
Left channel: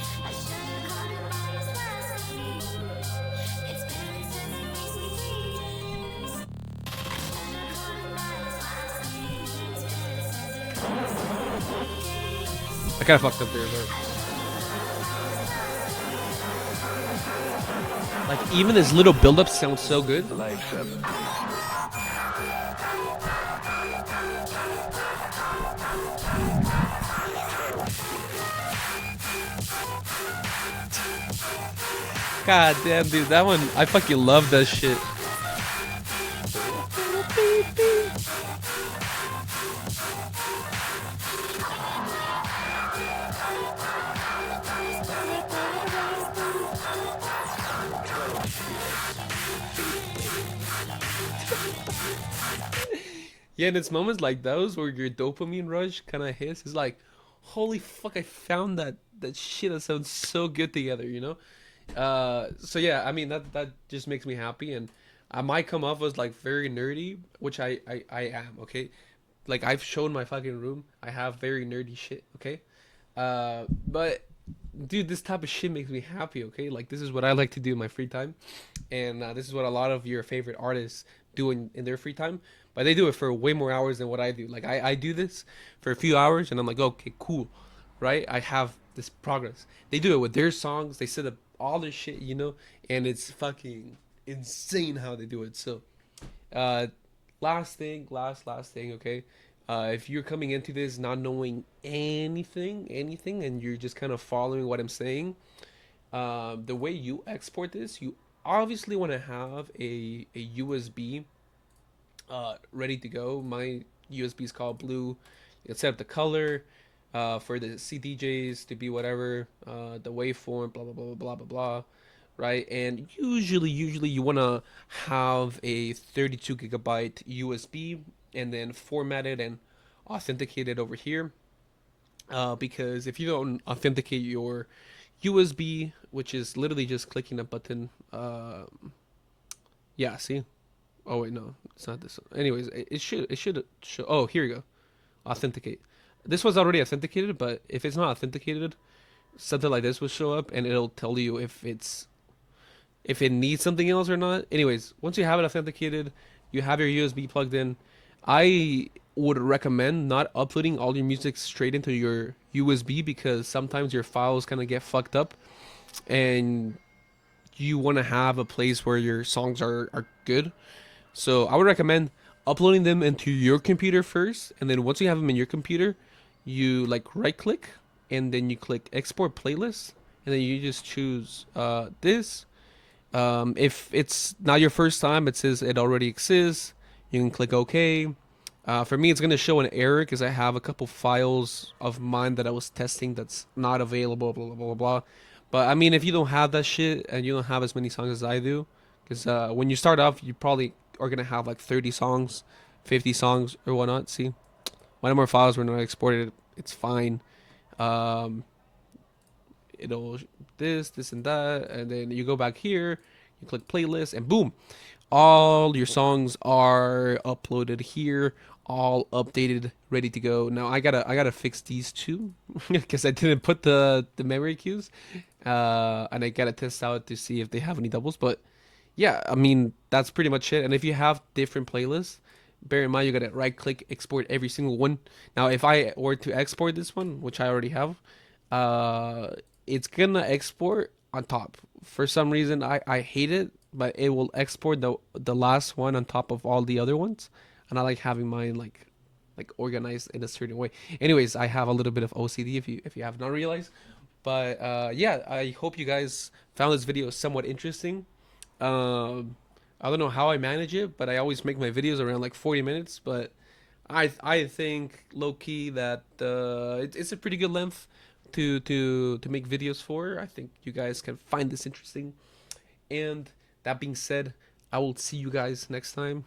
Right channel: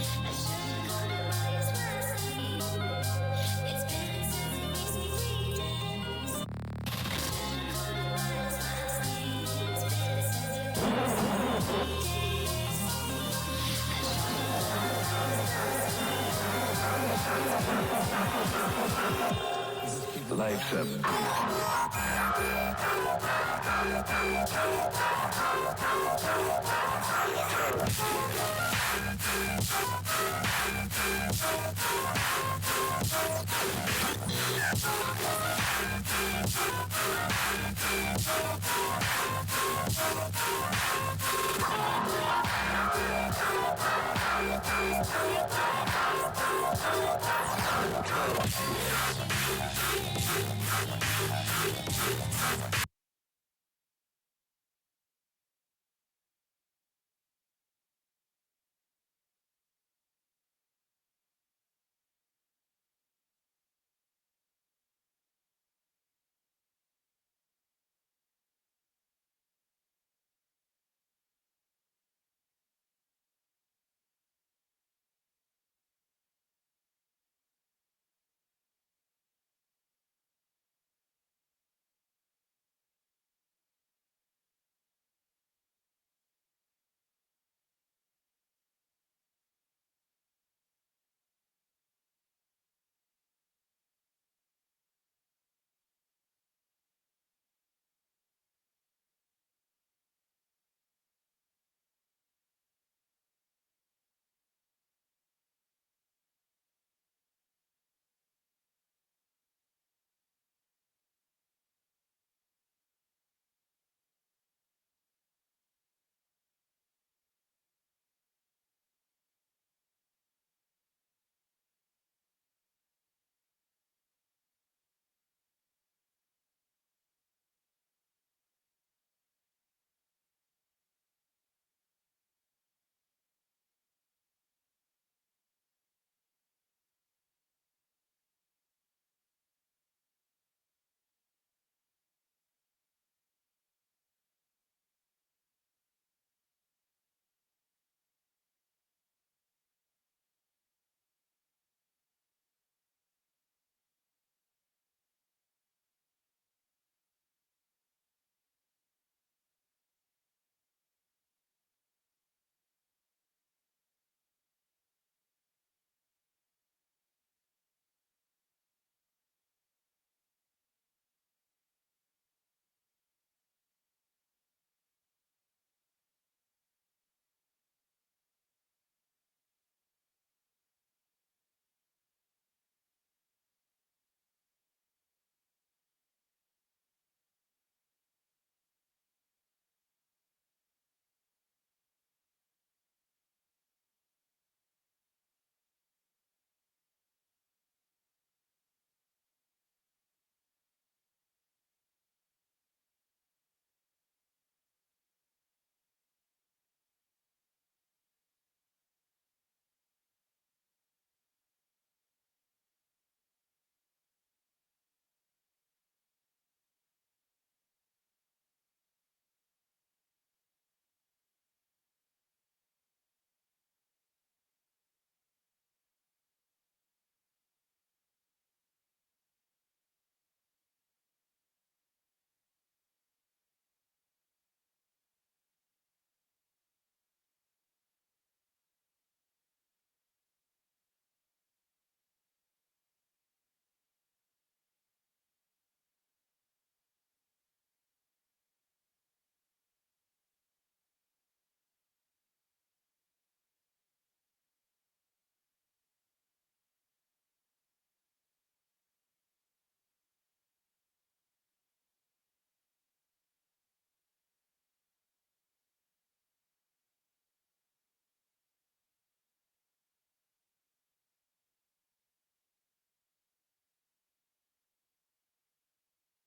I kind of fucked up there, but like even this little build-up sounds so good. God damn, dude, that one, I fucking love that shit. Yeah, and it's moments like those where your dopamine rush kind of hits. It's like, holy fuck, I found that shit that sounds so good together, you know? So yeah, I mean that just makes me happy, and I might come off as like very nerdy, which I am. Okay, like I've shown my fucking room. I have very nerdy shit. Okay, but dude, this type of shit makes me happy. Okay, like this is what I like to do in my free time, and this is what a lot of your favorite artists do in their free time. But they do it for way more hours than what I do. Like I do this for a few hours, and I'm like, okay, cool, right? I have this progress. They do it with their songs. They set up all this shit, you know, and it's fucking insane how they do it. So, uh, last thing, okay. If you're coming into this not knowing anything, and you're just kind of following what I'm saying, the way you export this, you obviously want to have a USB ready to go. My USB is called Blue. You set up the color for the CDJs to be whatever, the waveform, blah blah blah blah blah blah, right? And usually you want to have a 32 gigabyte USB and then format it and authenticate it over here. Because if you don't authenticate your USB, which is literally just clicking a button, yeah, see. Oh wait, no, it's not this one. Anyways, it should show. Oh, here we go. Authenticate. This was already authenticated, but if it's not authenticated, something like this will show up, and it'll tell you if it needs something else or not. Anyways, once you have it authenticated, you have your USB plugged in. I would recommend not uploading all your music straight into your USB because sometimes your files kind of get fucked up, and you want to have a place where your songs are good. So I would recommend uploading them into your computer first, and then once you have them in your computer, you like right click, and then you click export playlist, and then you just choose this. If it's not your first time, it says it already exists. You can click OK. For me, it's gonna show an error because I have a couple files of mine that I was testing that's not available. Blah blah blah blah. But I mean, if you don't have that shit and you don't have as many songs as I do, because when you start off, you probably are gonna have like 30 songs, 50 songs or whatnot. See, one of more files were not exported. It's fine. Um, it'll this and that, and then you go back here, you click playlist, and boom, all your songs are uploaded here, all updated, ready to go. Now I gotta fix these two because I didn't put the memory cues, and I gotta test out to see if they have any doubles. But yeah, I mean that's pretty much it. And if you have different playlists, bear in mind you gotta right click export every single one. Now if I were to export this one, which I already have, uh, it's gonna export on top. For some reason, I hate it, but it will export the last one on top of all the other ones, and I like having mine like organized in a certain way. Anyways, I have a little bit of OCD if you have not realized, but yeah, I hope you guys found this video somewhat interesting. I don't know how I manage it, but I always make my videos around like 40 minutes, but I think low key that it's a pretty good length to make videos for. I think you guys can find this interesting. And that being said, I will see you guys next time.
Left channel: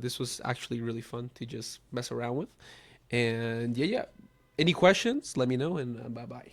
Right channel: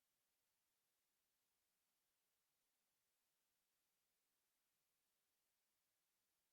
This was actually really fun to just mess around with. And yeah, yeah. Any questions? Let me know, and bye bye.